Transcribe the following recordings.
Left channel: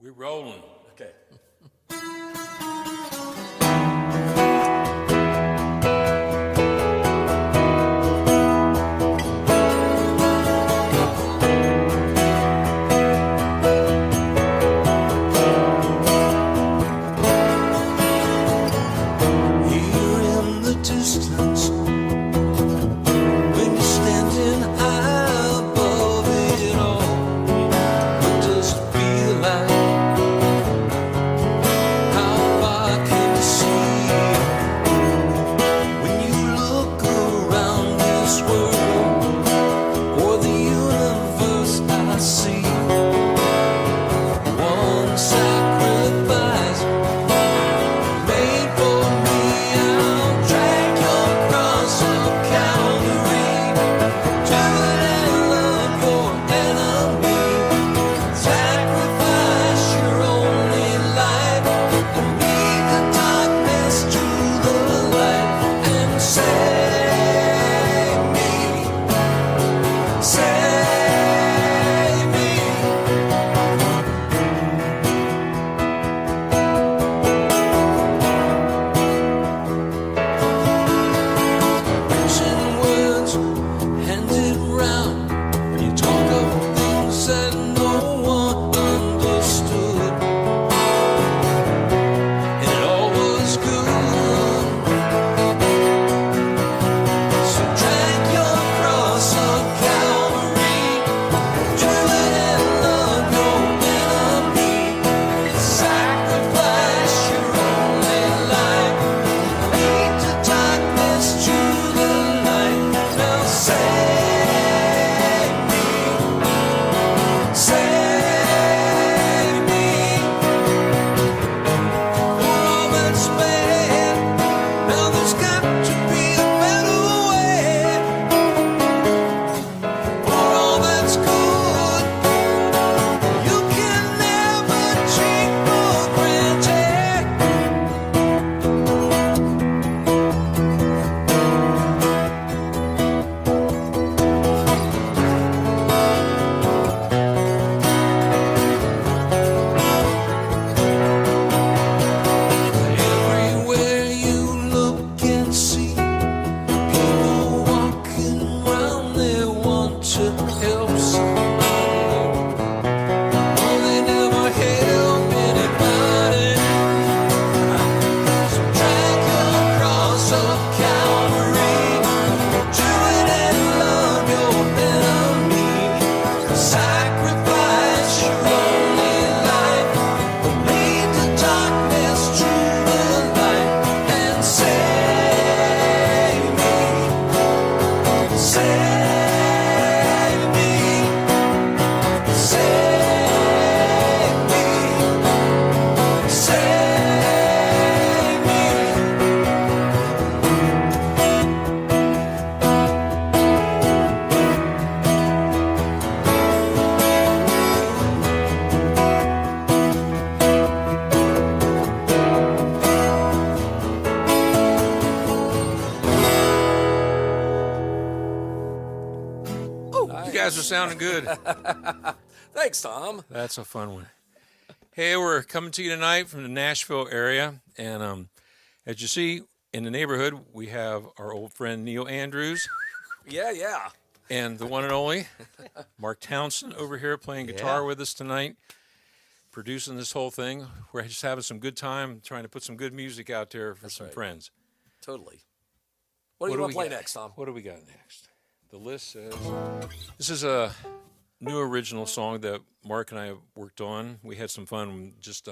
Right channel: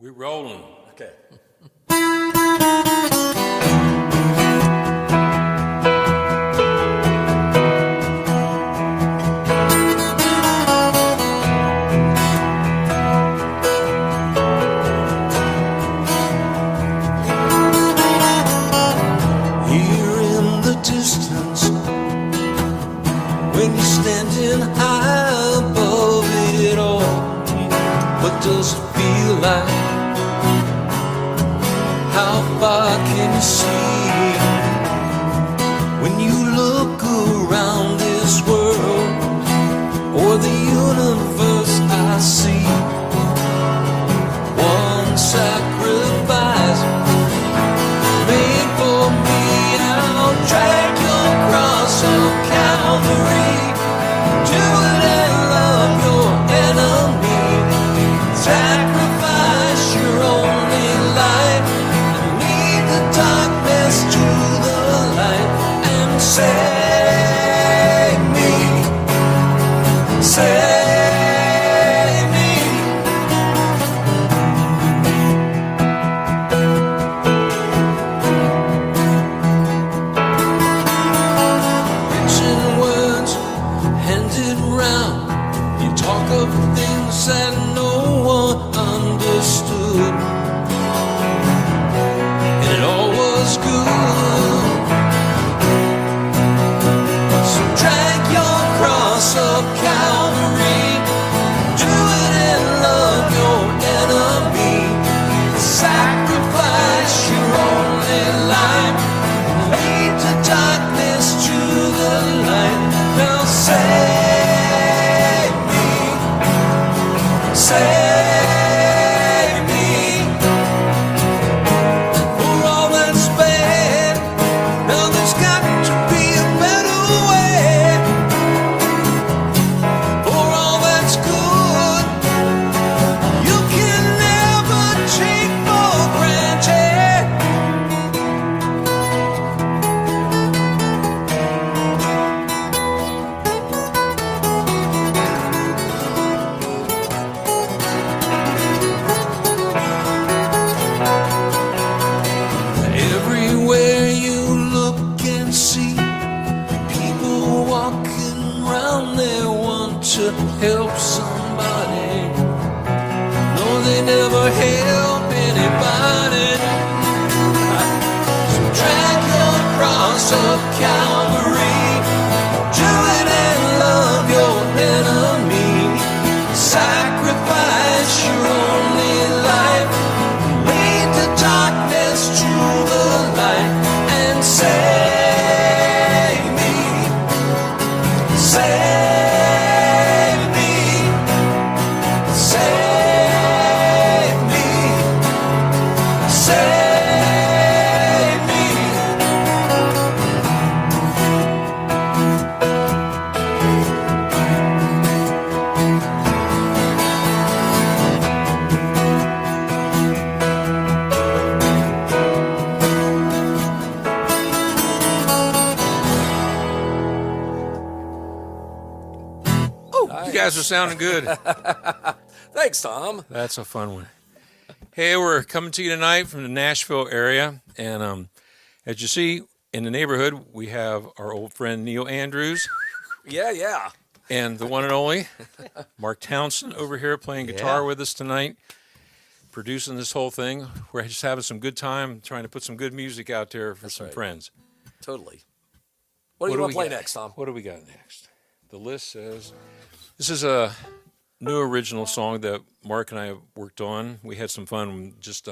We're rolling. Okay. Here in the distance, when you're standing high above it all, what does it feel like? How far can you see? When you look around this world or the universe, I see one sacrifice made for me. I'll drag your cross of Calvary. Do it and love your enemy. Sacrifice your only life. Lead the darkness to the light and save me. Save me. Rich in words, handed round. You talk of things that no one understood, and it all was good. So drag your cross up Calvary. Do it and love your enemy. Sacrifice your only life. Lead to darkness to the light. Now save me. Save me. For all that's bad, now there's got to be a better way. For all that's good, you can never take for granted. Everywhere you look and see people walking around, they want to help somebody. No, they never help anybody. So drag your cross up Calvary. Do it and love your enemy. Sacrifice your only life. Lead the darkness to the light and save me. Save me. Save me. Save me. You guys are sounding good. Thanks, Tom. That's a fun one. Hey, we're coming to you tonight from the Nashville area. And as you see in the neighborhood, we have our old friend Neil Andrews Yeah. and the one and only Mark Townsend over here playing guitar with us tonight, producing this whole thing. We're just having some good time trying to put some good music out there for some right. friends. Totally. What do you want to play got? next, Tom? What do we got next? The list says this is a new original song that Mark and I worked on. We had some fun just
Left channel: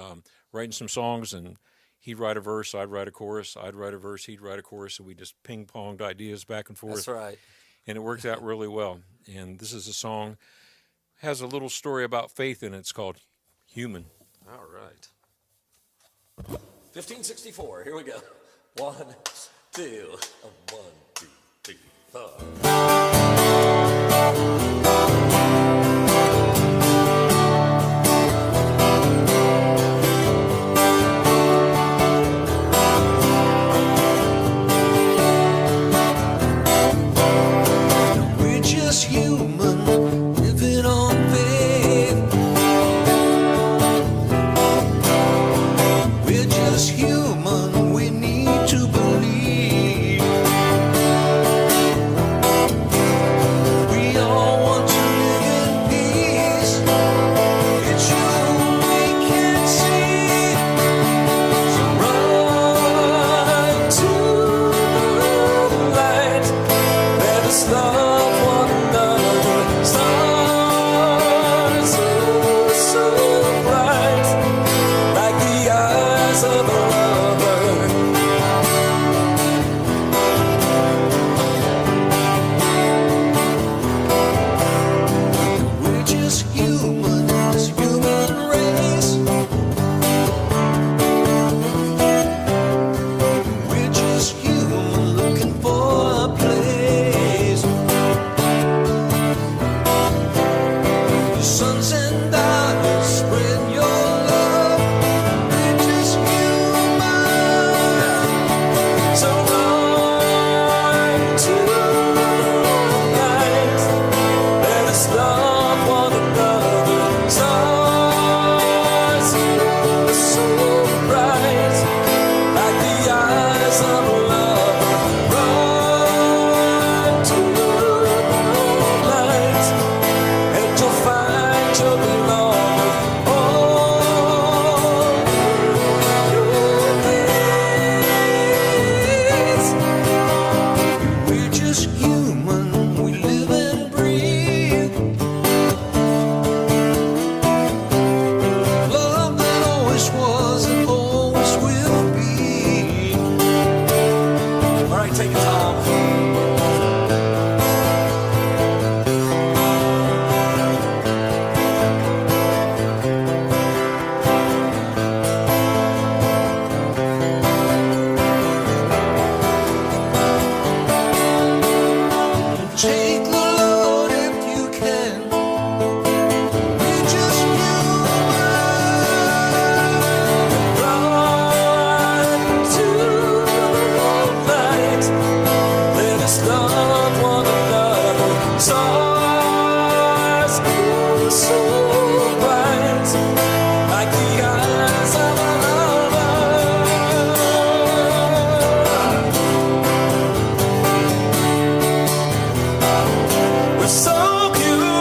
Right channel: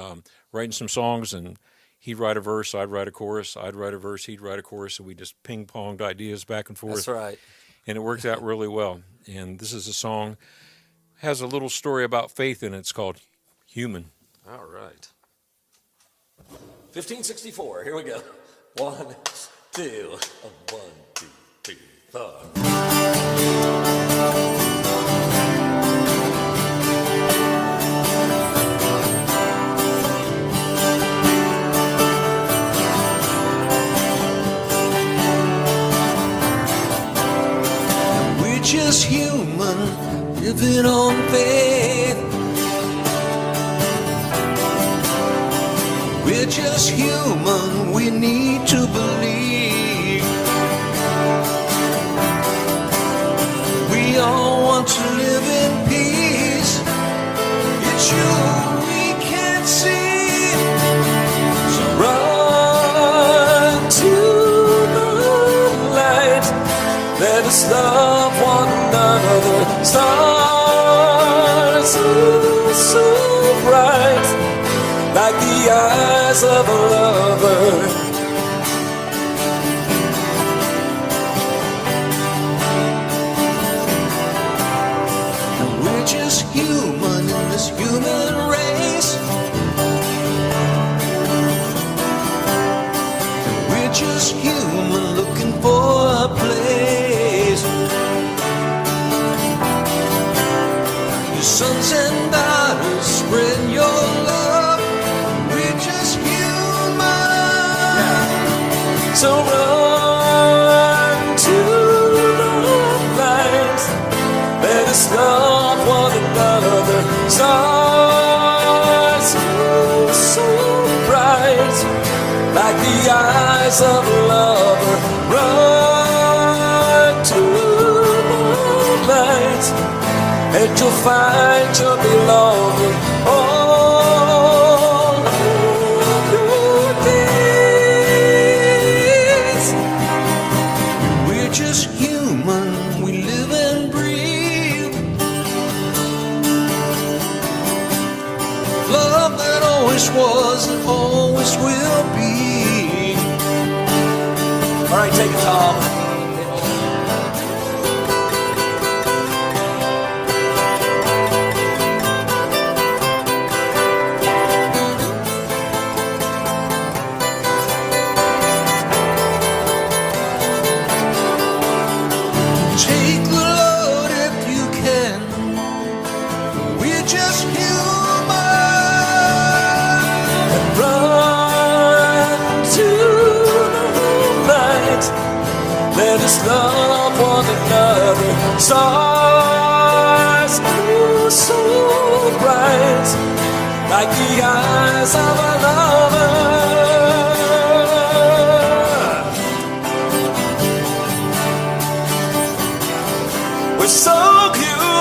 writing some songs, and he'd write a verse, I'd write a chorus, I'd write a verse, he'd write a chorus, and we just ping-ponged ideas back and forth. That's right. And it worked out really well. And this is a song, has a little story about faith in it. It's called Human. All right. 1564. Here we go. 1, 2, 1, 2, 3, 4. We're just human, living on faith. just human, we need to believe. We all want to live in peace. It's you we can't see. So run to the light. Let us love one another. Stars so bright, like the eyes of a lover. And we're just human in this human race. And we're just human looking for a place. Your sons and daughters, spread your love. We're just human. So run to the light. Let us love one another. Stars so bright, like the eyes of a lover. Run to the light, and you'll find your belonging. All your days. We're just human, we live and breathe. Love that always was and always will be. All right, take it, Tom. Take the load if you can. We're just human. And run to the light. Let us love one another. Stars so bright, like the eyes of a lover. We're so human.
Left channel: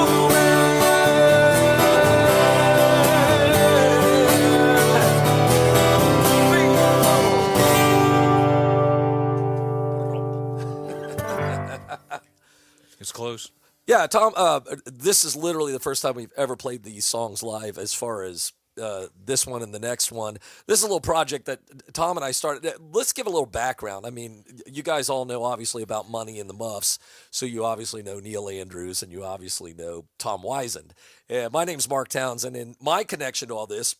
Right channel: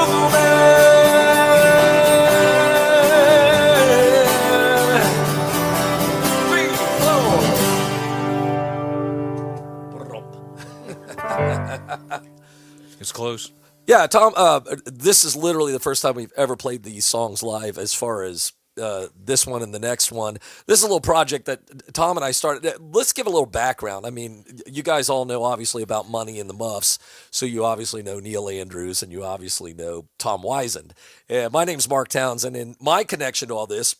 It's close. Yeah, Tom, this is literally the first time we've ever played these songs live as far as this one and the next one. This is a little project that Tom and I started. Let's give a little background. I mean, you guys all know obviously about Money and the Muffs, so you obviously know Neil Andrews and you obviously know Tom Weisend. My name's Mark Townsend, and my connection to all this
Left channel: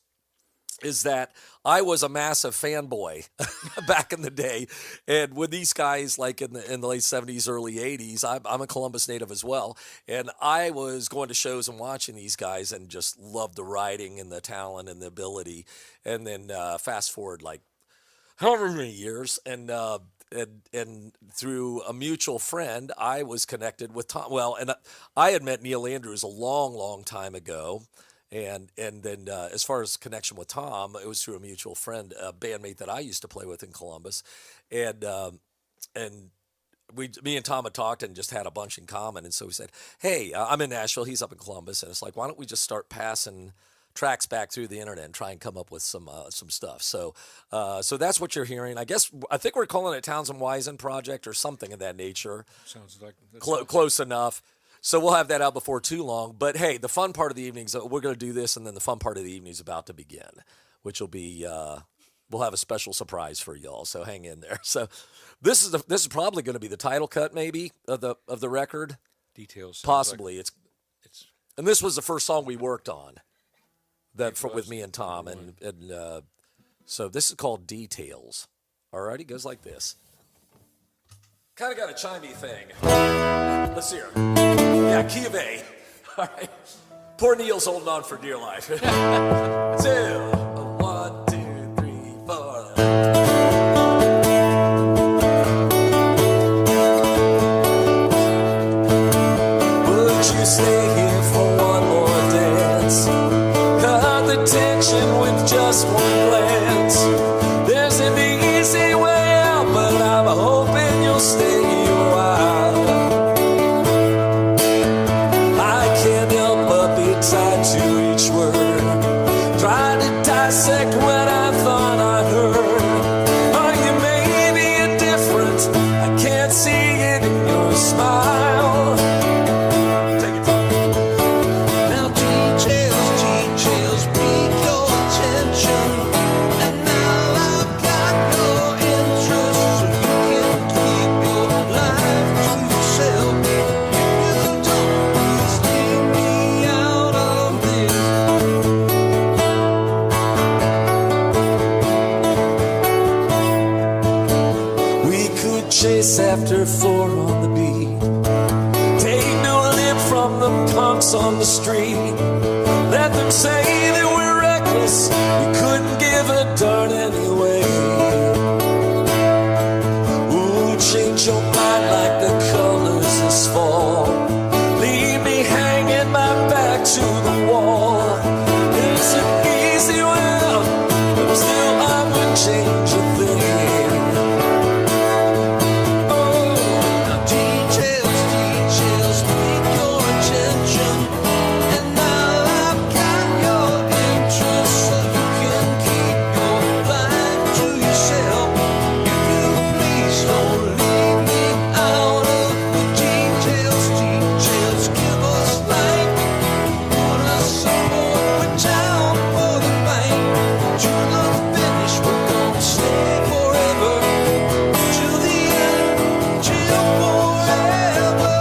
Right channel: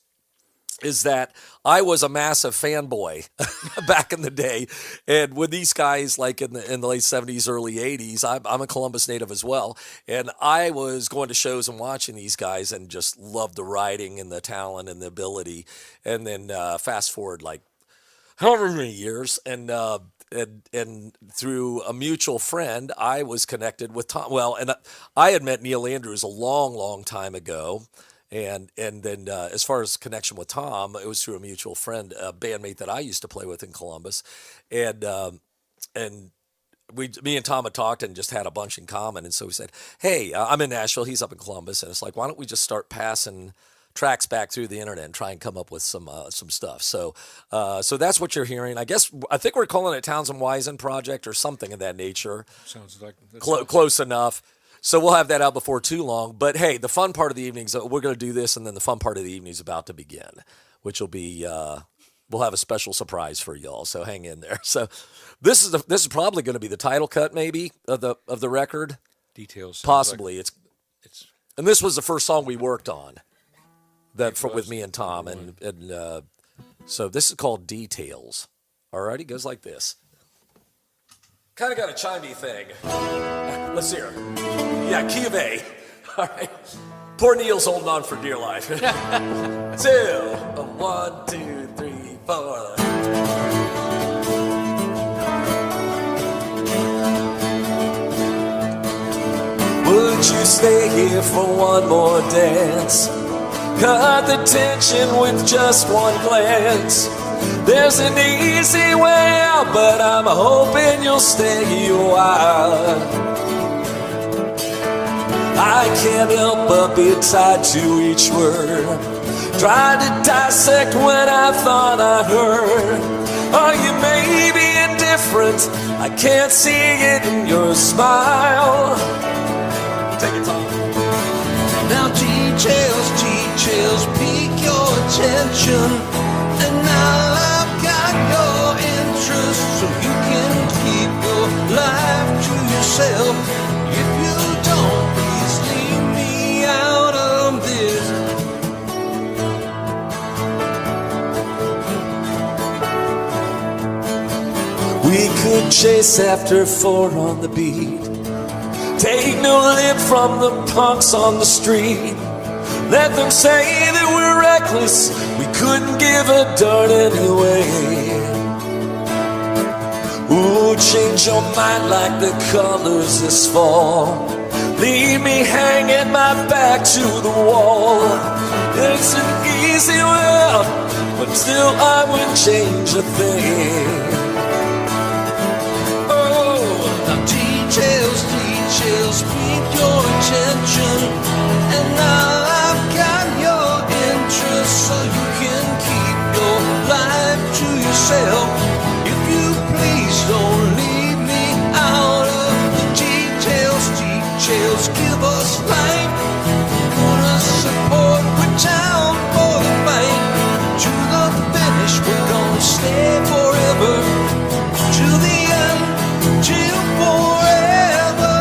is that I was a massive fanboy back in the day. And with these guys, like in the late 70s, early 80s, I'm a Columbus native as well. And I was going to shows and watching these guys and just loved the writing and the talent and the ability. And then fast forward like however many years, and through a mutual friend, I was connected with Tom. Well, and I had met Neil Andrews a long, long time ago. And then as far as connection with Tom, it was through a mutual friend, a bandmate that I used to play with in Columbus. And me and Tom had talked and just had a bunch in common. And so we said, hey, I'm in Nashville, he's up in Columbus. And it's like, why don't we just start passing tracks back through the internet and try and come up with some stuff. So that's what you're hearing. I think we're calling it Townsend Weisend Project or something of that nature. Sounds like Close enough. So we'll have that out before too long. But hey, the fun part of the evening is we're going to do this, and then the fun part of the evening is about to begin, which will be we'll have a special surprise for y'all. So hang in there. So this is probably going to be the title cut, maybe of the record. Details. Possibly it's and this was the first song we worked on with me and Tom, and so this is called Details. All right, it goes like this. Kind of got a chimey thing. Let's hear it. Yeah, key of A. All right. Poor Neil's holding on for dear life. 2, 1, 2, 3, 4. Would you stay here for one more dance? cut the tension with just one glance. There's an easy way out, but I'm hoping you'll stay a while. I can't help but be tied to each word, trying to dissect what I thought I heard. Are you maybe indifferent? I can't see it in your smile. Take it, Tom. Now details pique your attention, and now I've got your interest, so you can keep your life to yourself. If you don't, please leave me out of this. We could chase after 4 on the beat, take no lip from the punks on the street. Let them say that we're reckless, we couldn't give a darn anyway. Ooh, change your mind like the colors this fall. Leave me hanging my back to the wall. It's an easy way out, but still I wouldn't change a thing. Oh, now details pique your attention, and now I've got your interest, so you can keep your life to yourself. If you please don't leave me out of the details. Give us light, put us support, we're down for the fight. To the finish, we're gonna stay forever. To the end, till forever.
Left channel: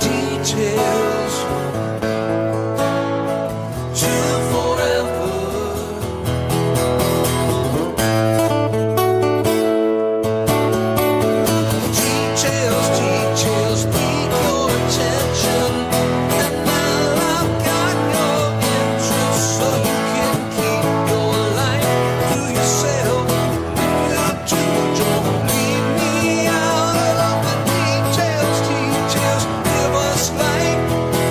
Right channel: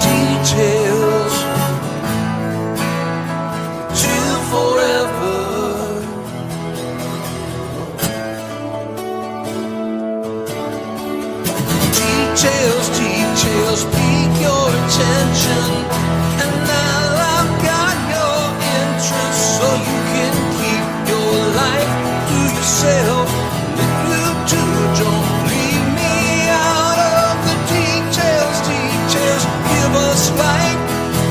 Details, till forever. Details pique your attention, and now I've got your interest, so you can keep your life to yourself. If you do, don't leave me out of the details. Give us light,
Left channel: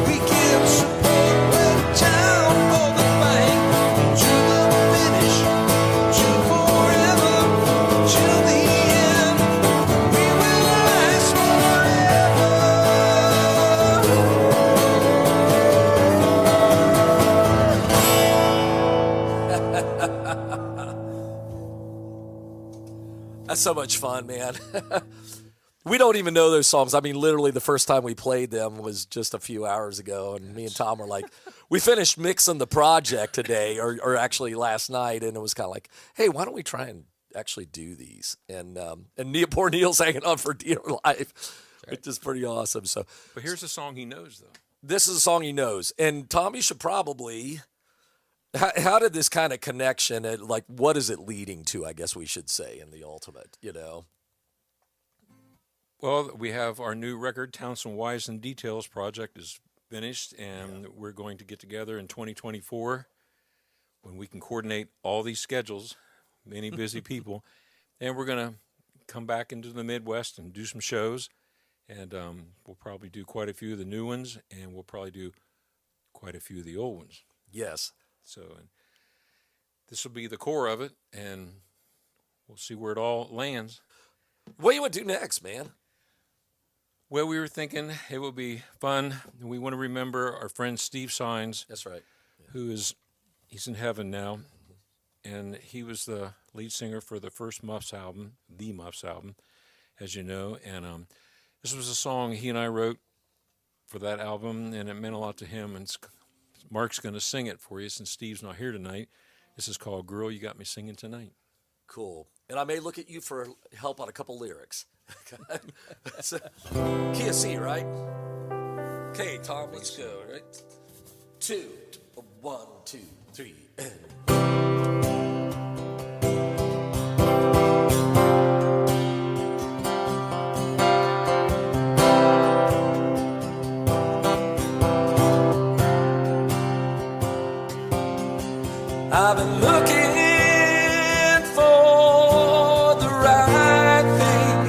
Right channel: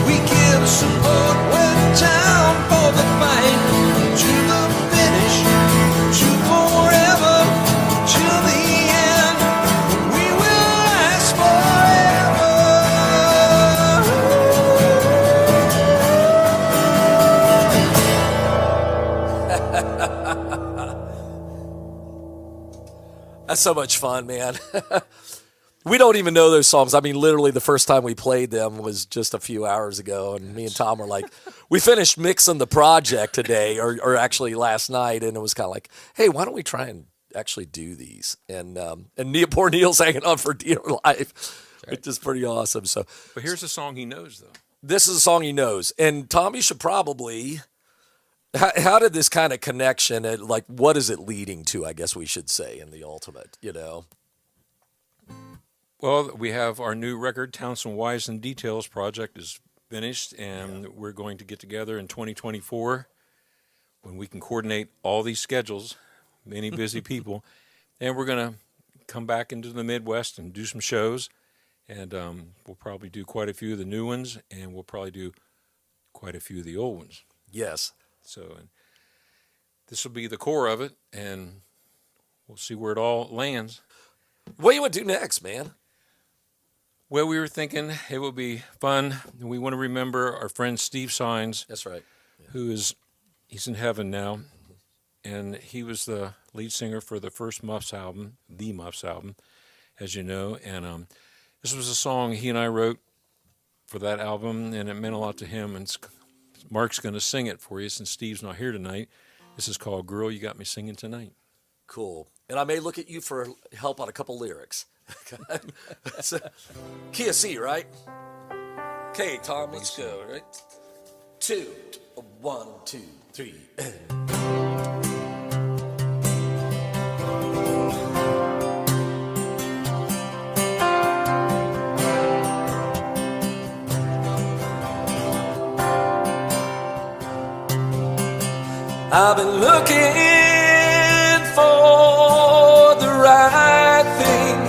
we give support, we're down for the fight. To the finish, to forever, till the end. We will last forever. That's so much fun, man. We don't even know those songs. I mean, literally the first time we played them was just a few hours ago, and me and Tom were like, we finished mixing the project today, or actually last night, and it was kind of like, hey, why don't we try and actually do these? And poor Neil's hanging on for dear life, which is pretty awesome. So, But here's a song he knows, though. this is a song he knows, and Tom, you should probably. How did this kind of connection, like, what is it leading to? I guess we should say in the ultimate, you know. Well, we have our new record, Townsend, Weisend Details project is finished, and we're going to get together in 2024 when we can coordinate all these schedules, many busy people, and we're going to come back into the Midwest and do some shows, and we'll probably do quite a few of the new ones, and we'll probably do quite a few of the old ones. Yes. So and this will be the core of it, and we'll see where it all lands. What do you want to do next, man? Well, we were thinking it would be fun. We want to remember our friend Steve Sines, That's right. he's in heaven now, and he was the lead singer for the first Muffs album, as you know. And this was a song he and I wrote for that album, and it meant a lot to him. And Mark's going to sing it for you since Steve's not here tonight. This is called "Girl, You Got Me Singing Tonight." Cool. And I may look at you for help on a couple lyrics. Key of C, right? Okay, Tom, let's go, right? 2, 1, 2, 3, and... I've been looking for the right thing,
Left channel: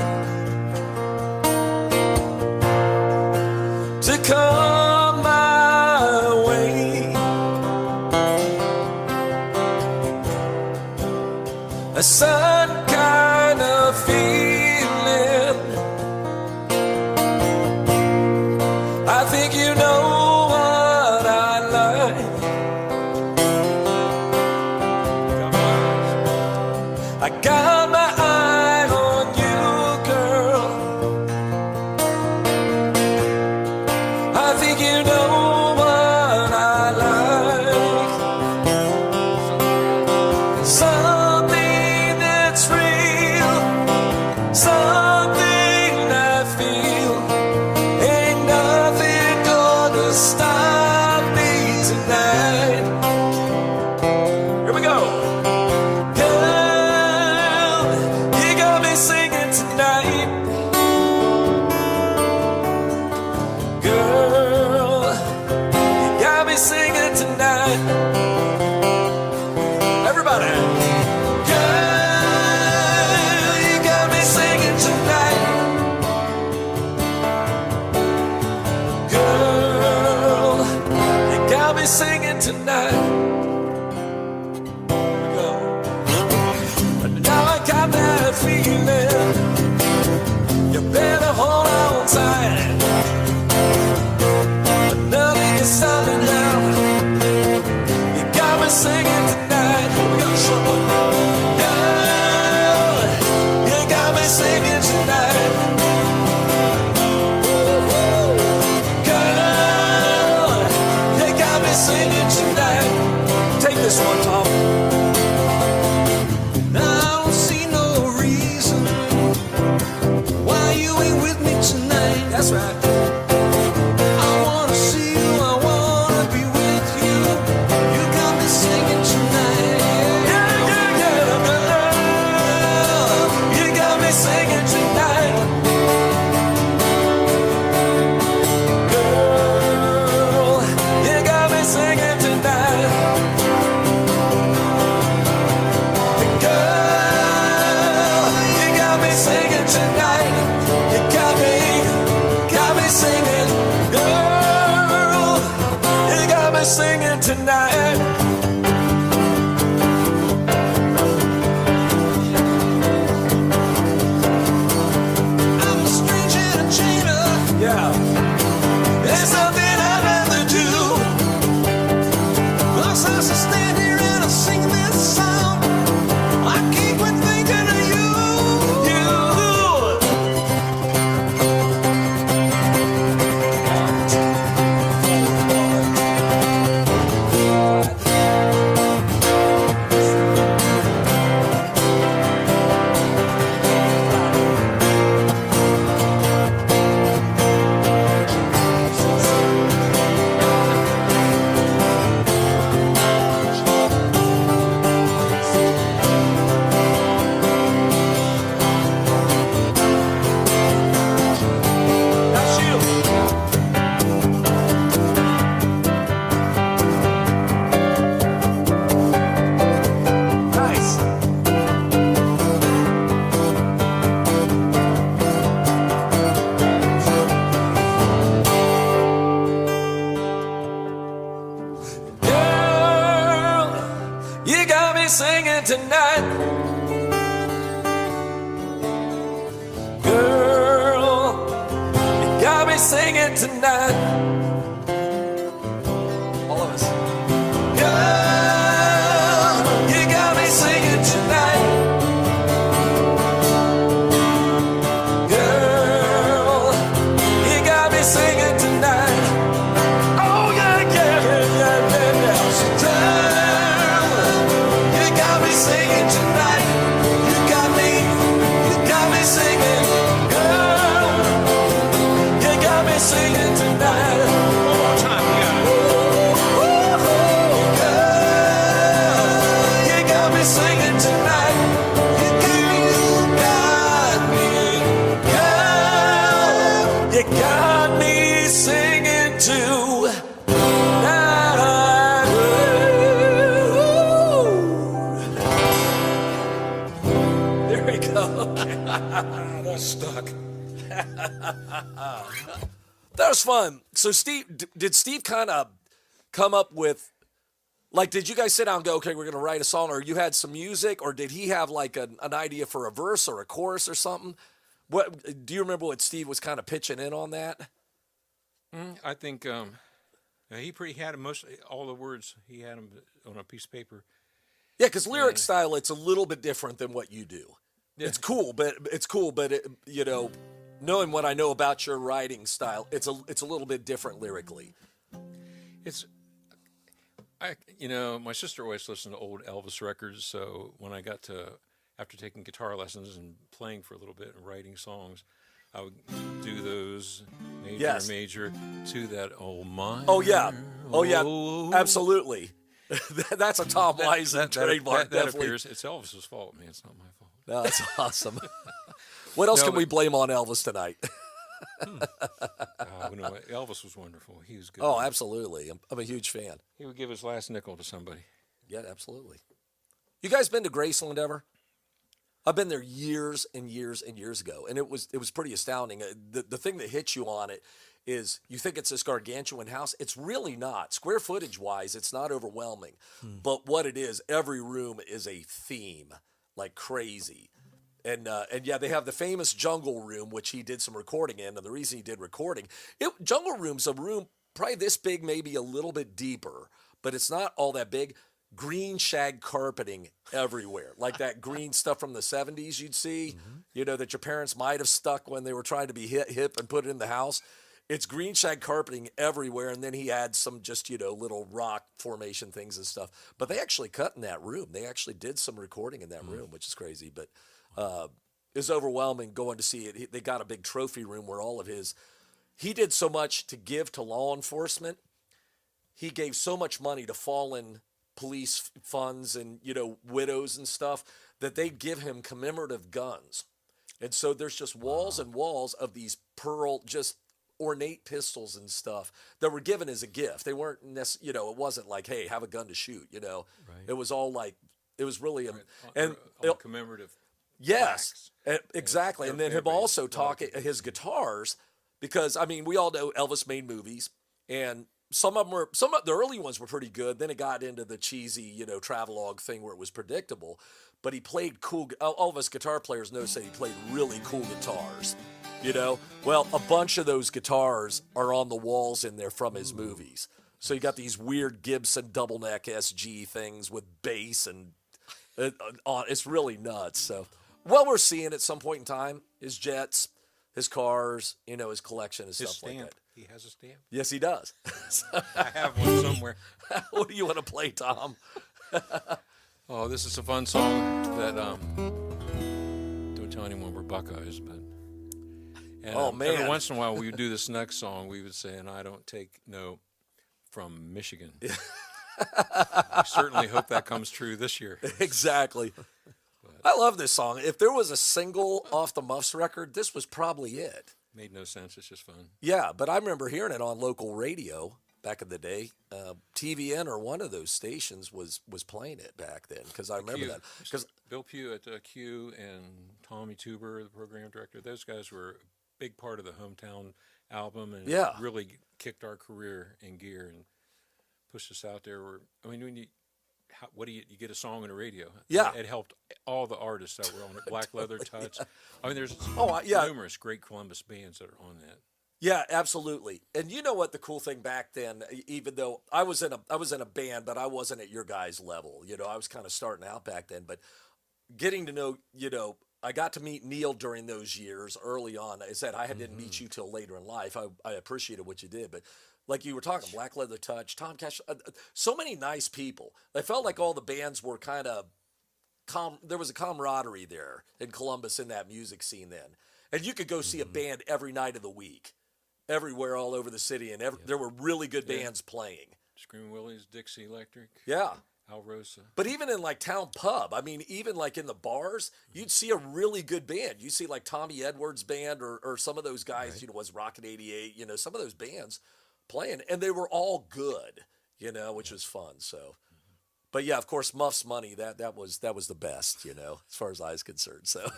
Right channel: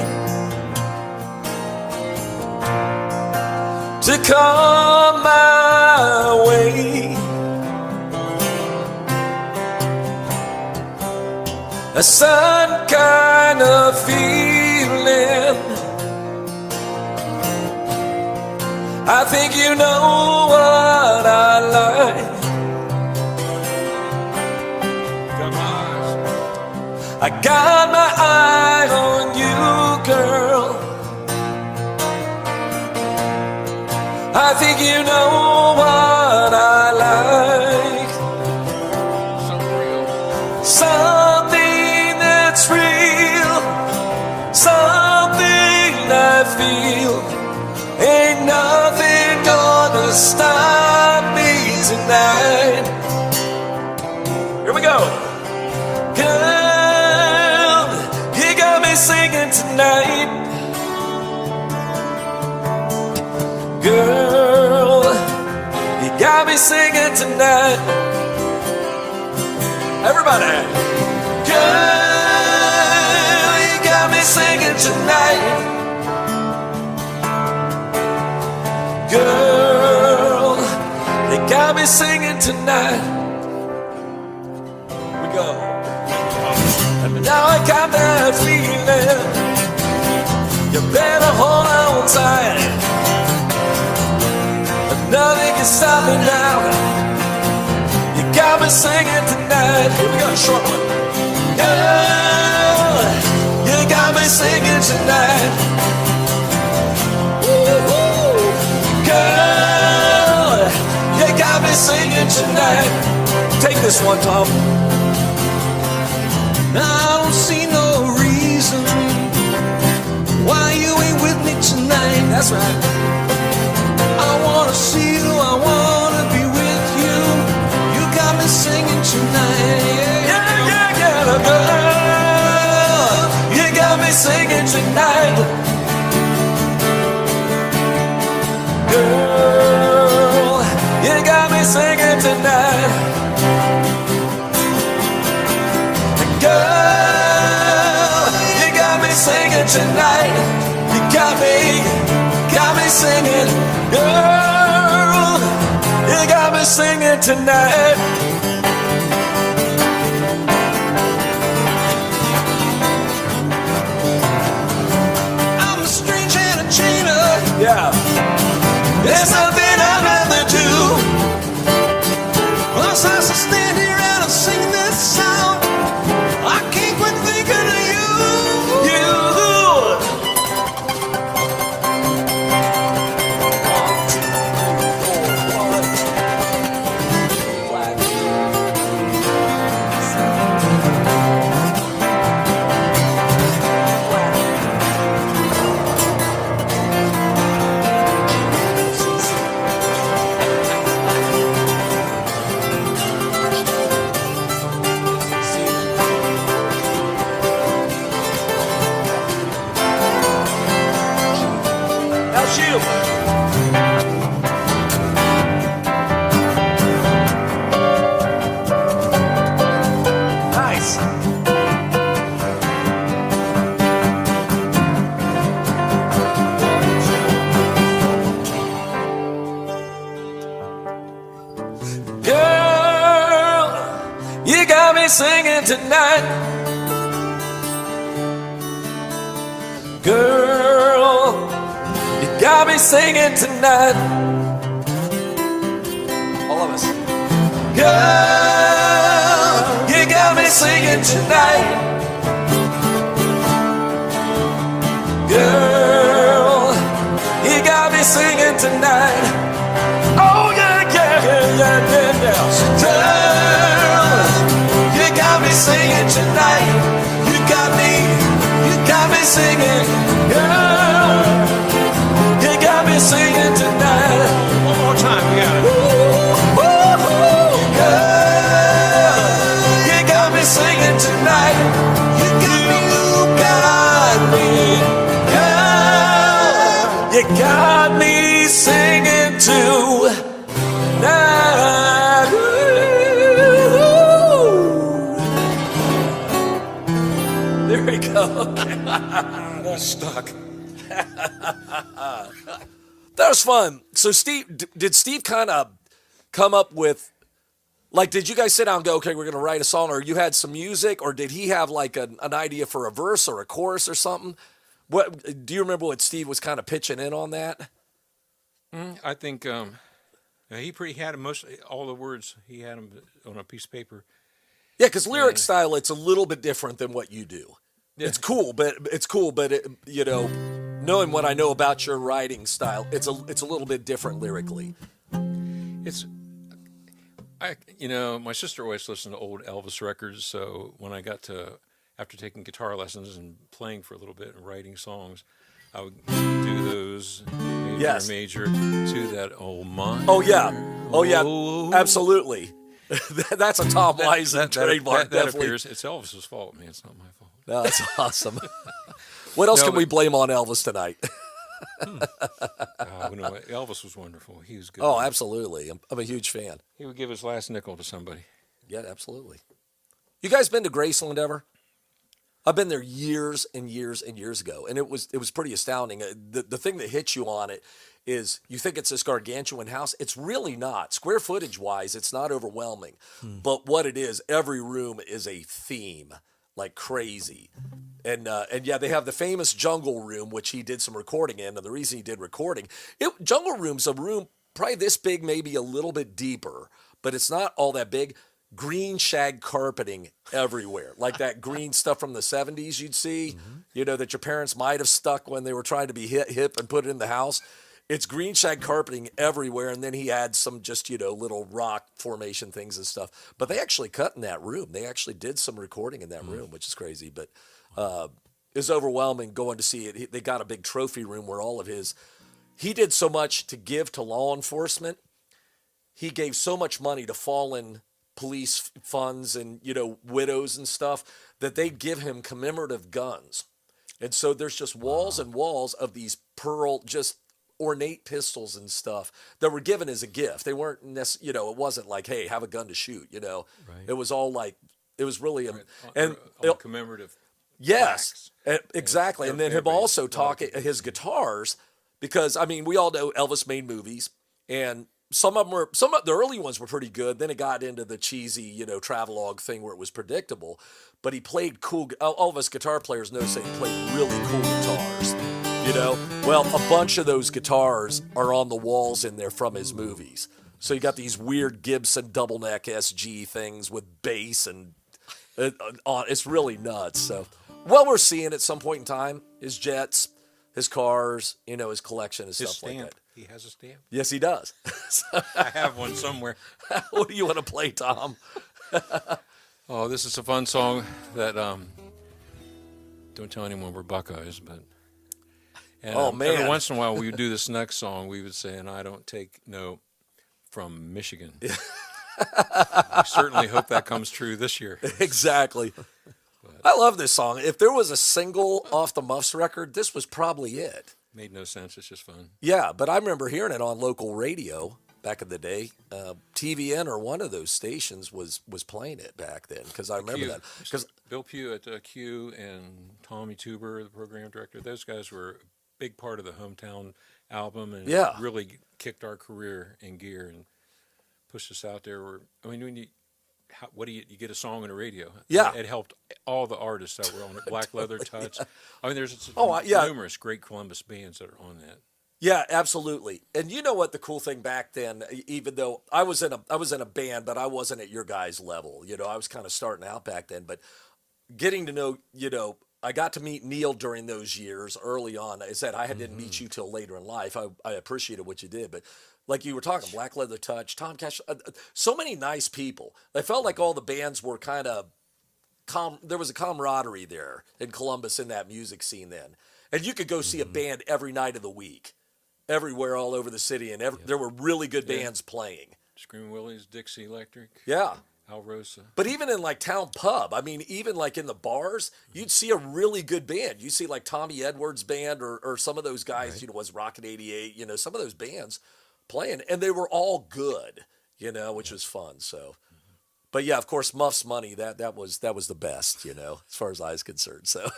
to come my way. Some kind of feeling. I think you know what I like. I got my eye on you, girl. I think you know what I like. Something that's real, something I feel. Ain't nothing gonna stop me tonight. Here we go. Girl, you got me singing tonight. Girl, you got me singing tonight. Everybody. Girl, you got me singing tonight. Girl, you got me singing tonight. Here we go. And now I got that feeling. You better hold on tight. Nothing can stop me now. You got me singing tonight. Here we go, short one. Girl, you got me singing tonight. Woo-hoo. Girl, you got me singing tonight. Take this one, Tom. I don't see no reason why you ain't with me tonight. That's right. I wanna see you, I wanna be with you. You got me singing tonight. Yeah, yeah, yeah, girl, you got me singing tonight. Girl, you got me singing tonight. Girl, you got me singing tonight. You got me singing. Girl, you got me singing tonight. I'm a strange entertainer. Yeah. There's nothing I'd rather do. Once I stand here and I sing this song, I can't quit thinking of you. Nice. Girl, you got me singing tonight. Girl, you got me singing tonight. All of us. Girl, you got me singing tonight. Girl, you got me singing tonight. Oh yeah, yeah, yeah, yeah, yeah, yeah. Girl, you got me singing tonight. You got me singing. Girl, you got me singing tonight. One more time, we got it. Singing tonight. You got me, girl. You got me singing tonight. There we go. That's stuck. That was fun. So Steve, did Steve kind of come up with, like, did you guys sit down and go, okay, we're going to write a song, or you had some music, or did he have like an idea for a verse or a chorus or something? What do you remember what Steve was kind of pitching in on that? I think he had most all the words. He had them on a piece of paper. Yeah, because lyric style, it's a little bit different than what you do. Yeah. It's cool, but you know, knowing what I know about your writing style, it's a little bit different lyrically. My sister always listened to old Elvis records. So when I got to, after taking guitar lessons and playing for a little bit and writing songs, I would do those major to that old man. Oh yeah, absolutely. That's a Tom Weisend trademark. That appears. It's Elvis's fault, man. It's not my fault. No, that's awesome. What else can we blame on Elvis tonight? Elvis was wonderful. He was good. Oh, absolutely. I'm a huge fan. He would give his last nickel to somebody. Yeah, absolutely. You guys been to Graceland ever? I've been there years and years and years ago, and it was pretty astounding. The thing that hits you on it is you think it's this gargantuan house. It's really not. Square footage wise, it's not overwhelming. But what it is, every room is a theme, like crazy. And yeah, they have the famous Jungle Room, which he did some recording in. And the reason he did recording, Jungle Room's a room probably this big, maybe a little bit deeper, but it's not all that big. Green shag carpeting everywhere, like that green stuff from the 70s you'd see, that your parents might have stuck when they were trying to be hip and put it in the house. It's green shag carpeting everywhere, and then he had some just, little rock formation things and stuff. But they actually cut in that room. They actually did some recording in that room, which is crazy. But it was overwhelming going to see it. They got a big trophy room where he did so much to give to law enforcement. He gave so much money to fallen police funds and, widows and stuff that they'd give him commemorative guns. And so there's just walls and walls of these just ornate pistols and stuff that were given as a gift. They weren't it wasn't like, hey, have a gun to shoot, Right. It was all like, it was really, commemorative. Yes, exactly. And then him also talking his guitars, because we all know Elvis made movies, and some of the early ones were pretty good. Then it got into the cheesy, travelogue thing where it was predictable. But he played cool. All of us guitar players know he played really cool guitars. Well, a bunch of those guitars are on the walls in there from his movies. So you got these weird Gibson double neck SG things with bass and it's really nuts. So what we're seeing at some point in time, his jets, his cars, his collection and stuff like that. He has a stamp. Yes, he does. I have one somewhere. What do you want to play, Tom? Oh, this is a fun song that don't tell anyone we're Buckeyes, but man. Every once in a while we would do this next song. We would say, "And I don't take no from Michigan." I certainly hope that comes true this year. Exactly. I love this song. If there was a single off the Muffs record, this was probably it. Made no sense. It's just fun. Yeah, but I remember hearing it on local radio back in the day. TVN or one of those stations was playing it back then, because I remember that. Because Bill Pugh at Q and Tommy Tuber, the program director, those guys were a big part of the Hometown album, and it really kicked our career in gear and pushed us out there. When you get a song on the radio? Yeah. It helped all the artists that were on it. Black Leather Touch. There's numerous great Columbus bands that are on that. Yeah, absolutely. And you know what the cool thing back then, even though I was in a band, but I wasn't at your guys' level. I was kind of starting out back then, but getting to know, I got to meet Neil during those years early on. I said I didn't meet you till later in life. I appreciated what you did, but like you were talking, Black Leather Touch, Tom Cash, so many nice people. I felt like all the bands were kind of there was a camaraderie there in Columbus in that music scene then. And you could go see a band every night of the week, everywhere all over the city, and there were really good bands playing. Screaming Willie's, Dixie Electric. Yeah. Alrosa. But even in like town pub, even like in the bars, you'd see a really good band. You'd see like Tommy Edwards' band or some of those guys, right. Was Rocket 88, some of those bands playing, and they were all good, which was fun. So, but yeah, of course, Muffs Money, that was the best, as far as I was concerned. So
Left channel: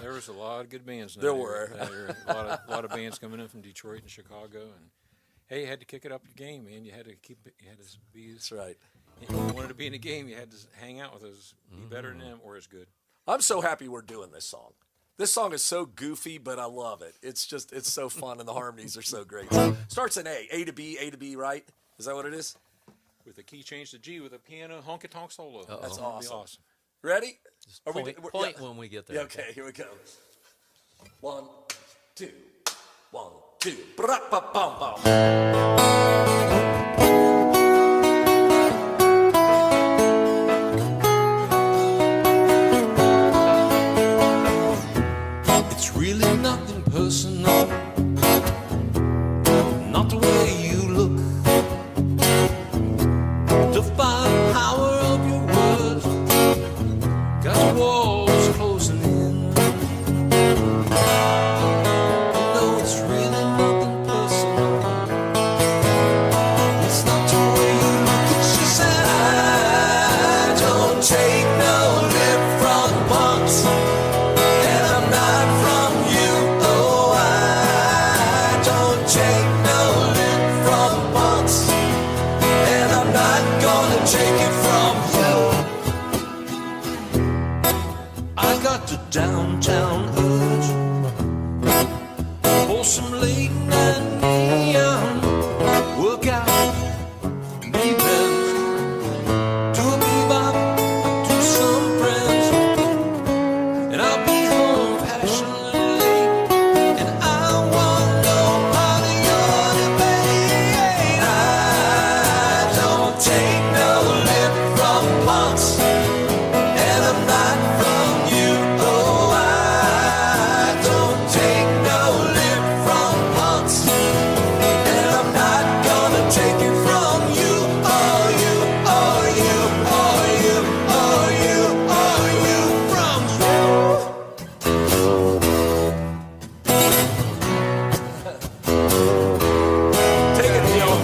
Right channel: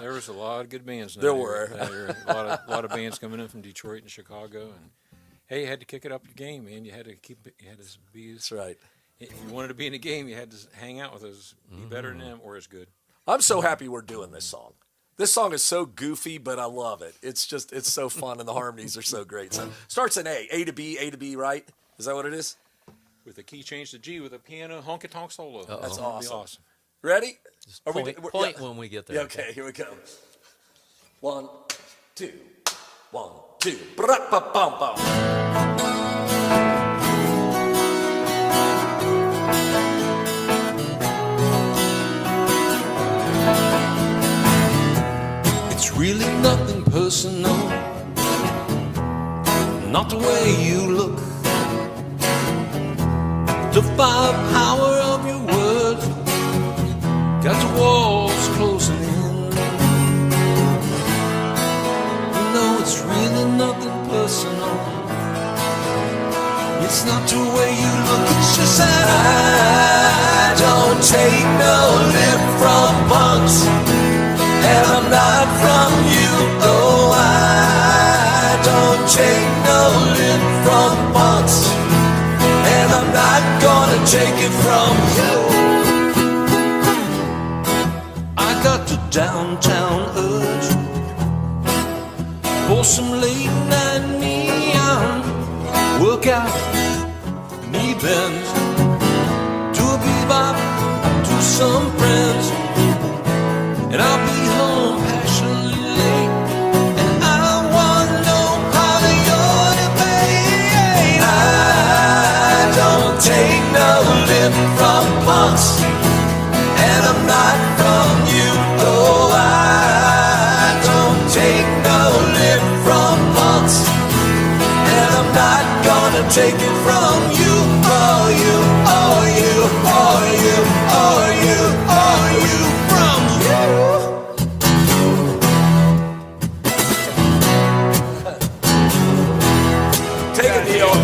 there was a lot of good bands. There were a lot of bands coming in from Detroit and Chicago, Hey, you had to kick it up your game, man. You had to keep it. You had to be. That's right. If you wanted to be in the game, you had to hang out with us, be better than them, or as good. I'm so happy we're doing this song. This song is so goofy, but I love it. It's so fun, and the harmonies are so great. So starts in A to B, right? Is that what it is? With a key change to G with a piano honky tonk solo. That's That'd be awesome. Ready? Are Point when we get there. Yeah, okay, here we go. 1, 2, 1, 2. Bra-ba-bum-bum. It's really nothing personal, not the way you look. The firepower of your words got the walls closing in. No, it's really nothing personal. It's not the way you look, it's just that I don't take no lip from punks. And I'm not from you. Oh, I don't take no lip from punks. And I'm not gonna take it from you. I got the downtown urge for some late night neon workout, knee bends to a bebop. I do some friends, and I'll be home passionately late, and I want no part of your debate. I don't take no lip from punks, and I'm not from you. Oh, I don't take no lip from punks, and I'm not gonna take it from you. Oh, you, oh, you, oh, you, oh, you, oh, you, from you. Take it, Neil.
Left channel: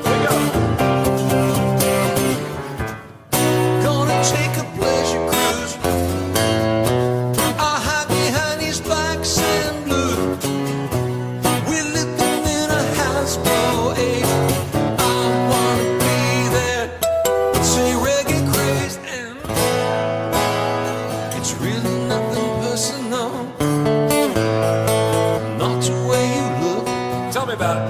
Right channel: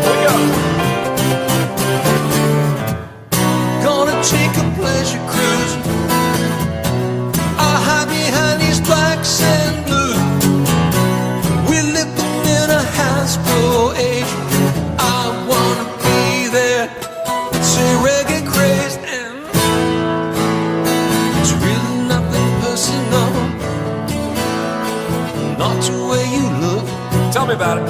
Here we go. Gonna take a pleasure cruise. I'll hide behind these black sand blues. We're living in a Hasbro age. I wanna be there. Say reggae crazed, and it's really nothing personal. Not the way you look. Tell me about it.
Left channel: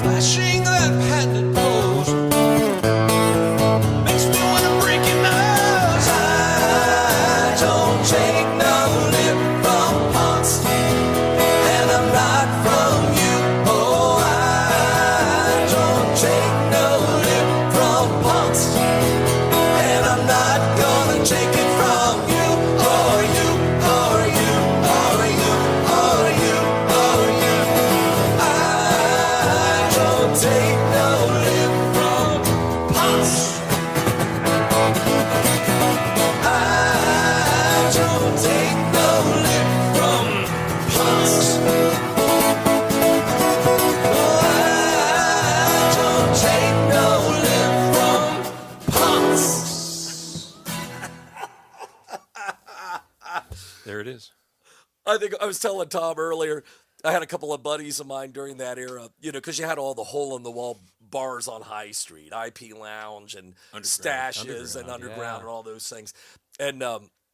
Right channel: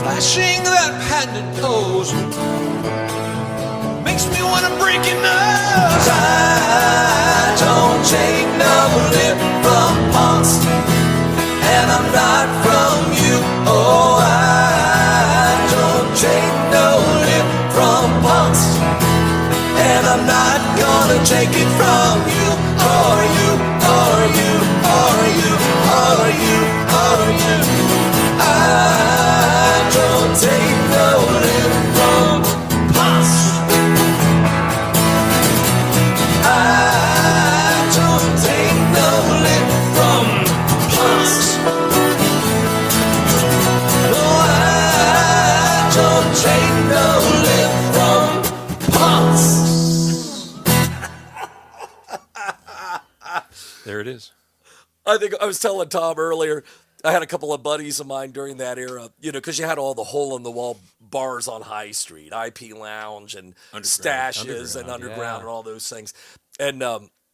Flashing that patented pose makes me wanna break your nose. I don't take no lip from punks, and I'm not from you. Oh, I don't take no lip from punks, and I'm not gonna take it from you. Or you, or you, or you, or you, or you. I don't take no lip from punks. I don't take no lip from punks. No, I don't take no lip from punks. There it is. I think I was telling Tom earlier, I had a couple of buddies of mine during that era, you know, because you had all the hole-in-the-wall bars on High Street, IP Lounge and Stashes and Underground and all those things. And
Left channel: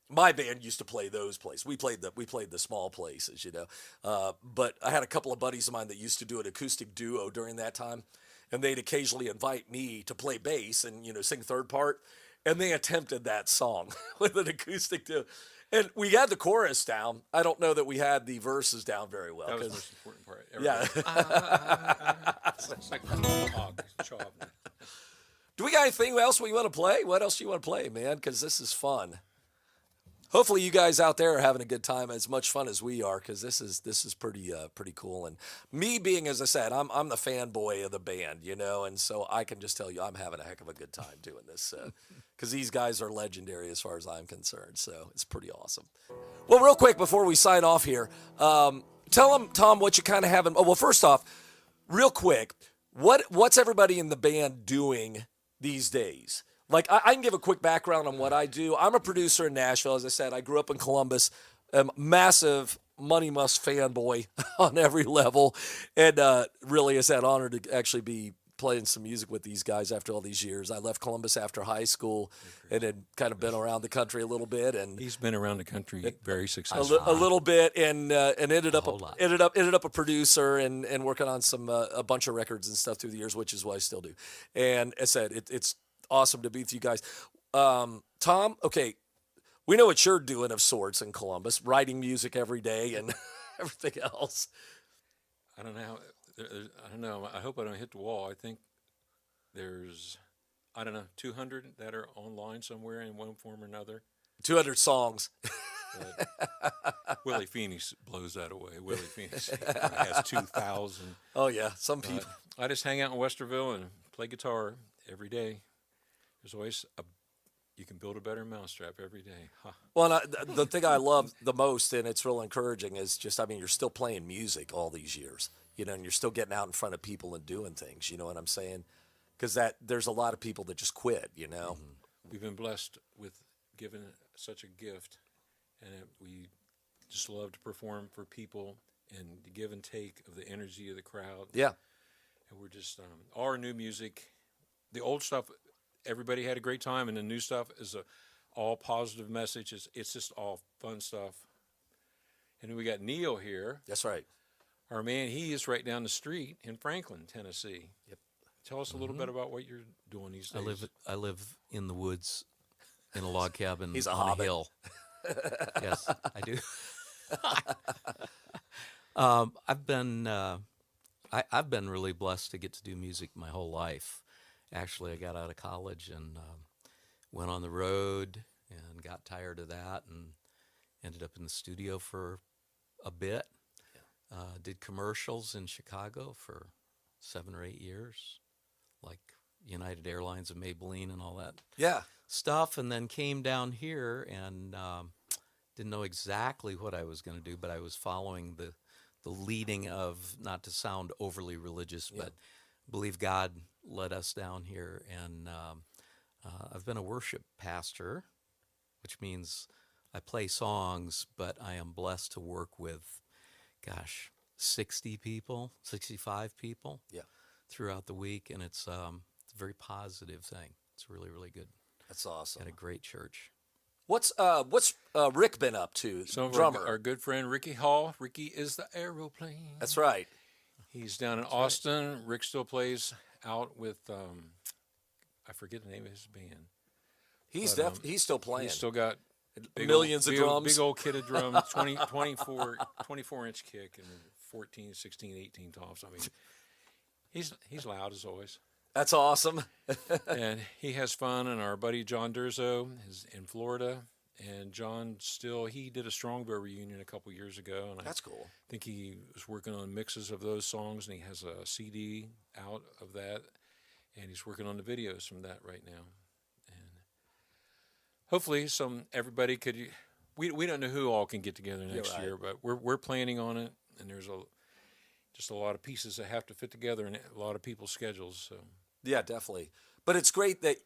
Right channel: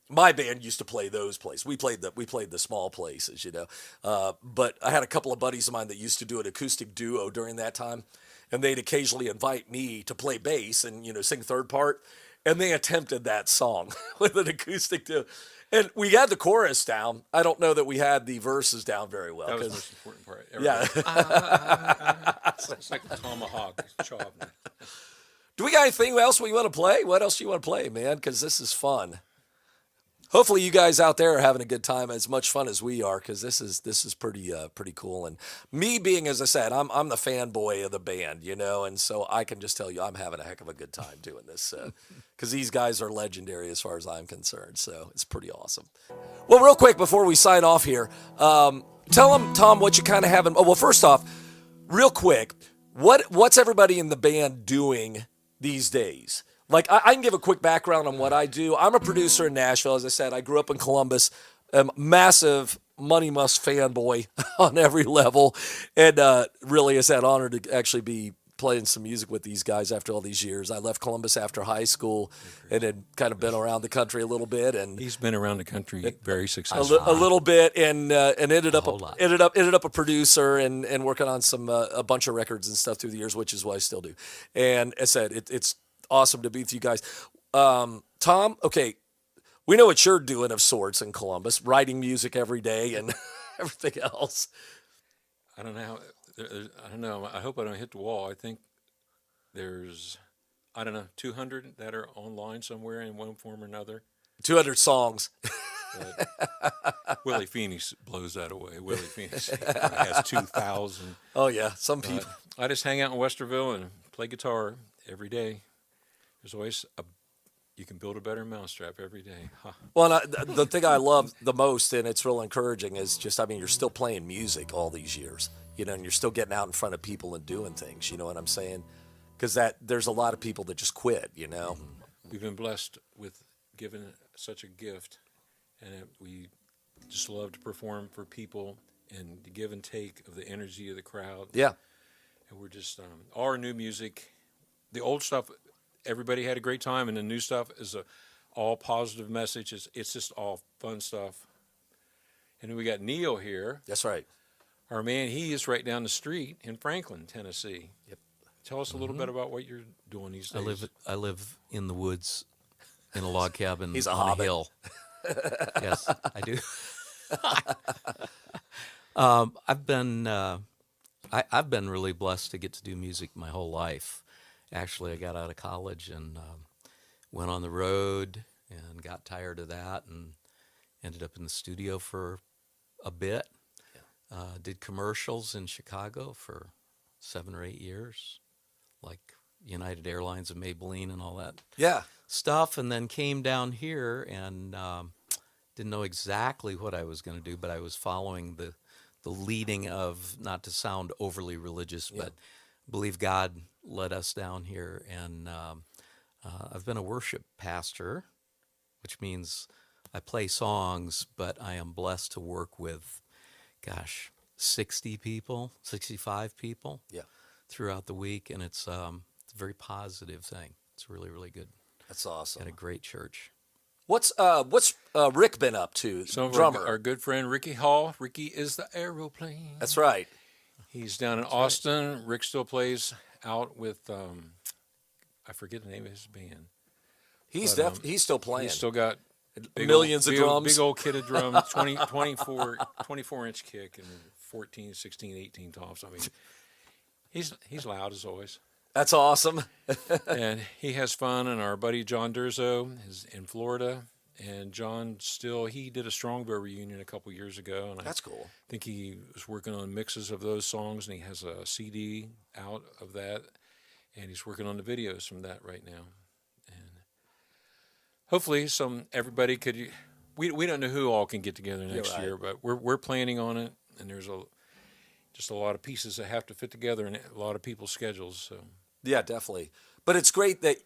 my band used to play those places. We played the small places, you know. But I had a couple of buddies of mine that used to do an acoustic duo during that time, and they'd occasionally invite me to play bass and, you know, sing third part. And they attempted that song with an acoustic duo. And we had the chorus down. I don't know that we had the verses down very well. That was the most important part. Yeah. It's like a tomahawk. Do we got anything else we want to play? What else do you want to play, man? Because this is fun. Hopefully you guys out there are having a good time, as much fun as we are, because this is pretty cool. And me being, as I said, I'm the fanboy of the band, you know, and so I can just tell you I'm having a heck of a good time doing this, because these guys are legendary as far as I'm concerned. So it's pretty awesome. Well, real quick before we sign off here, tell them, Tom, what you kind of have in. Oh, well, first off, real quick, What's everybody in the band doing these days? Like, I can give a quick background on what I do. I'm a producer in Nashville. As I said, I grew up in Columbus. I'm a massive Money Must fanboy on every level. And really is that honor to actually be playing some music with these guys after all these years. I left Columbus after high school and had kind of been around the country a little bit. And He's been around the country very successfully. a little bit, and ended up a producer and working on some a bunch of records and stuff through the years, which is what I still do. And as I said, it's awesome to be with you guys. Tom, okay, we know what you're doing of sorts in Columbus, writing music every day and everything else. I don't know. I don't know. I hope I don't hit the wall. I think there's, I don't know, 200 that are online somewhere in one form or another. 200 songs. Willie Phoenix blows that away. Willie Phoenix has 2,000. Oh, yeah, some people. I just hang out in Westerville and play guitar every day. There's always you can build a better mousetrap every day. Huh. Well, and the thing I love the most, and it's real encouraging, is just, I mean, you're still playing music all these years, you know, and you're still getting out in front of people and doing things, you know what I'm saying? Because there's a lot of people that just quit, you know? We've been blessed with given such a gift, and we just love to perform for people and the give and take of the energy of the crowd. Yeah. And we're just, all our new music, the old stuff, everybody had a great time, and the new stuff is all positive messages. It's just all fun stuff. And then we got Neil here. That's right. Our man, he is right down the street in Franklin, Tennessee. Yep. Tell us a little bit about what you're doing these days. I live in the woods in a log cabin He's a on hobbit. a hill. Yes, I do. I've been really blessed to get to do music my whole life. Actually, I got out of college and went on the road and got tired of that and ended up in the studio for a bit. Yeah. Did commercials in Chicago for 7 or 8 years, like United Airlines and Maybelline and all that stuff, and then came down here and didn't know exactly what I was going to do, but I was following the leading of, not to sound overly religious, but believe God led us down here, and I've been a worship pastor, which means I play songs, but I am blessed to work with, 60 people, 65 people throughout the week, and it's a very positive thing. It's really, really good. That's awesome. At a great church. What's Rick been up to? Some of drummer. our good friend Ricky Hall. Ricky is the aeroplane. That's right. He's down in Austin. Right. Rick still plays out with, I forget the name of his band. He's still playing. He's still got millions of drums. Big old kit of drums, 24-inch kick and 14, 16, 18 tops. I mean, he's loud as always. That's awesome. And he has fun. And our buddy John Durzo is in Florida. And John he did a Strongbow reunion a couple years ago. And That's cool. I think he was working on mixes of those songs, and he has a CD out of that. And he's working on the videos from that right now. And hopefully everybody could, we don't know who all can get together next year, but we're planning on it. And there's just a lot of pieces that have to fit together and a lot of people's schedules. So yeah, definitely. But it's great that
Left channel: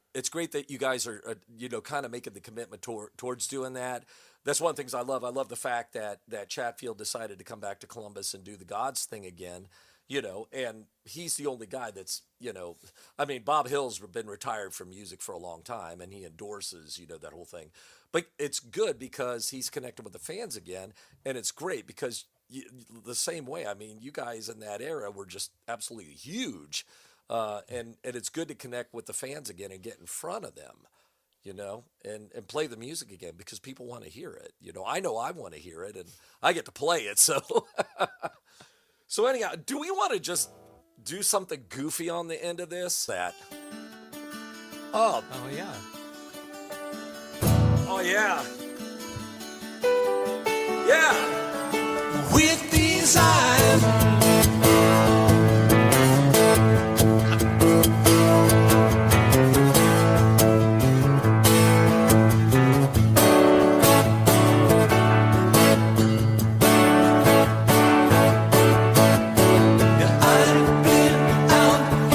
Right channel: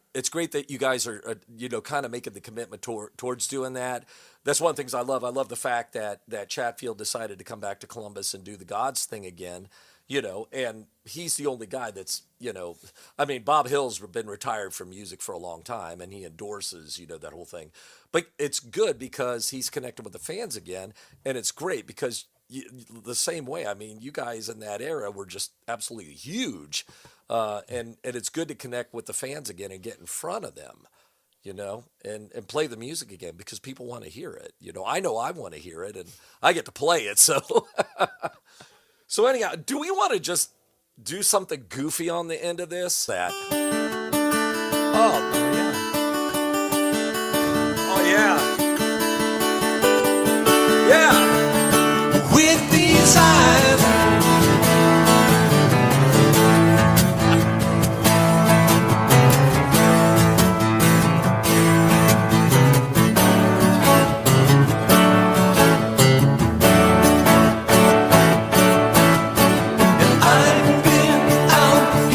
you guys are kind of making the commitment towards doing that. That's one of the things I love. I love the fact that Chatfield decided to come back to Columbus and do the Gods thing again. And he's the only guy that's, I mean, Bob Hill's been retired from music for a long time, and he endorses, that whole thing. But it's good because he's connected with the fans again, and it's great because the same way, I mean, you guys in that era were just absolutely huge, and it's good to connect with the fans again and get in front of them, and play the music again because people want to hear it. I know I want to hear it, and I get to play it, so... So anyhow, do we want to just do something goofy on the end of this? Oh yeah. Yeah. With these eyes, and I've been out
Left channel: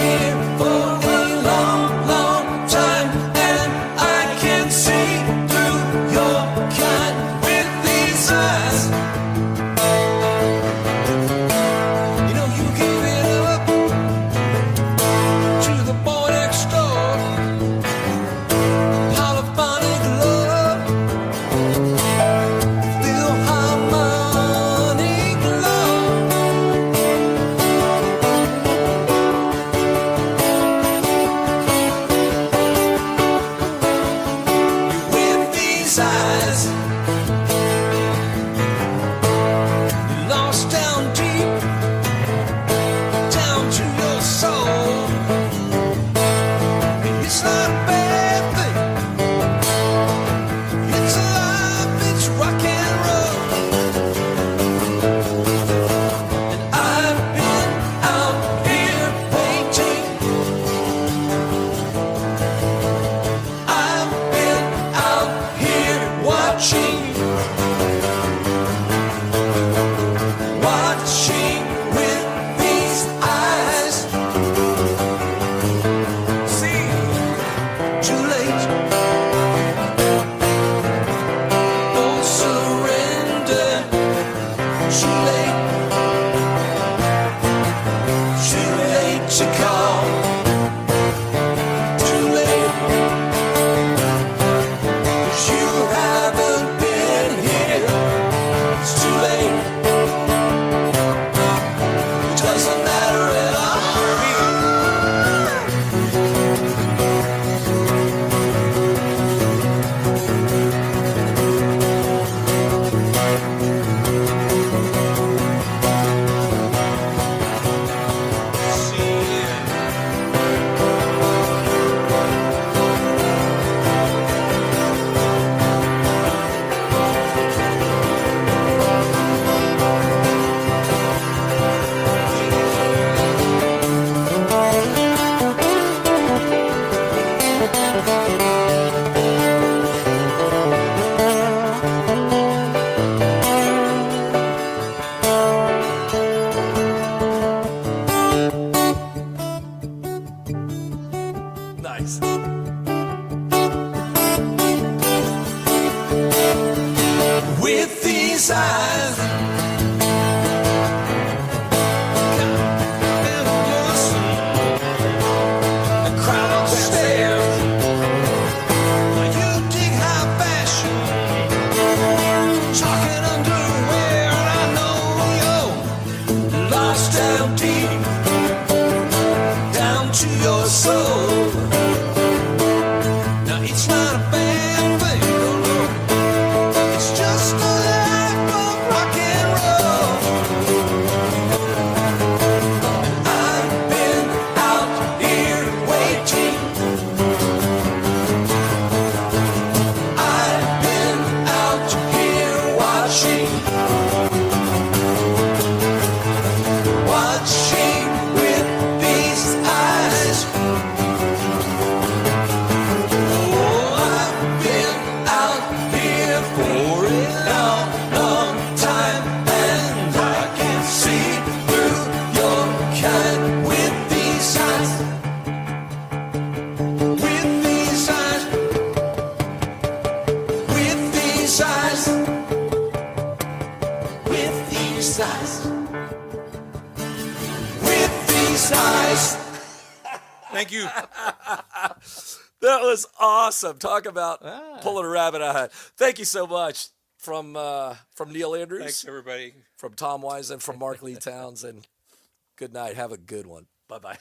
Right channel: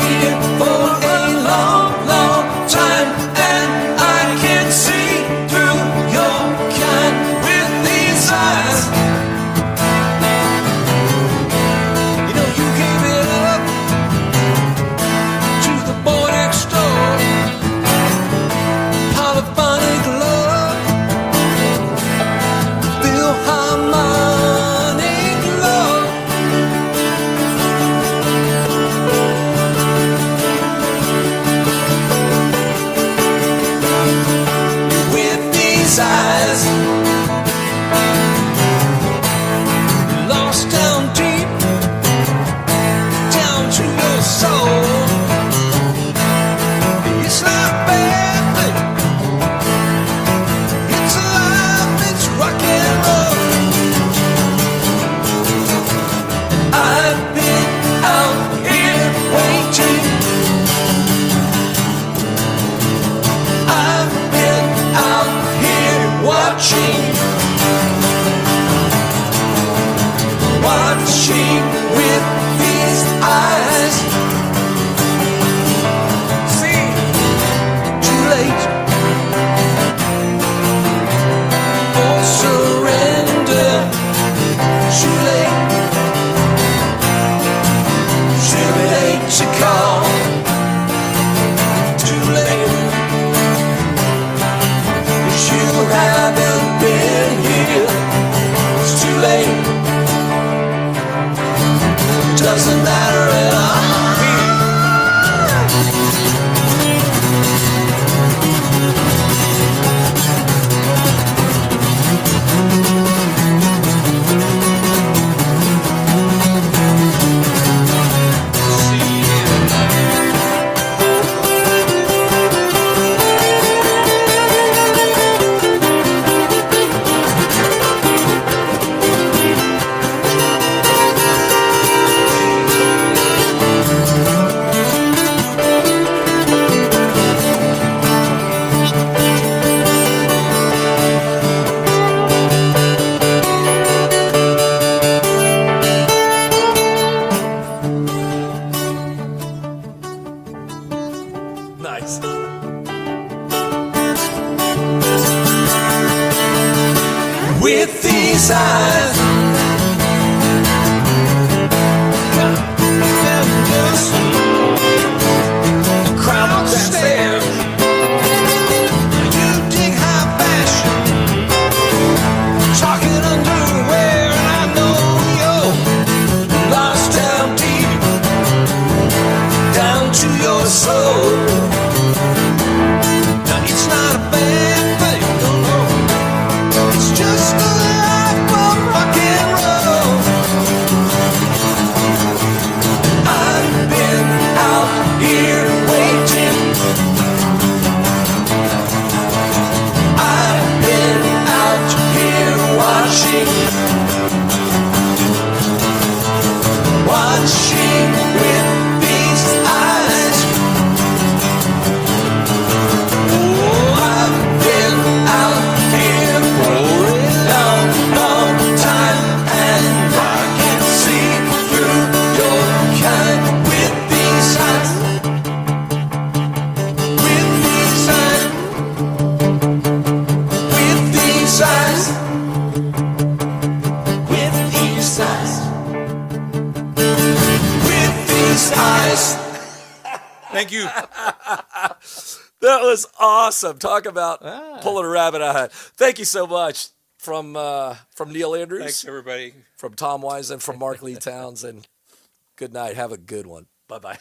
watching with these eyes. See, too late for surrender. Too late to call. Too late, 'cause you haven't been here. It's too late. It doesn't matter at all. Nice. With these eyes, the crowd stares. You dig high fashion, talking underwear, and I know you're lost down deep, down to your soul. Now it's not a bad thing, no, no. It's just a life of rock and roll. I've been out here waiting. I've been out here watching. Watching with these eyes. Oh, I've been out here for a long, long time, and I can see through your kind with these eyes. With these eyes. With these eyes. With these eyes. With these eyes. Thank you. That was awesome. Talk about pulling a rabbit out of a hat. Thank you so much from Neil Andrews, Thanks, everybody. from Tom Weisend, from Mark Lee Townsend. Good night. Have a good one. Bye-bye.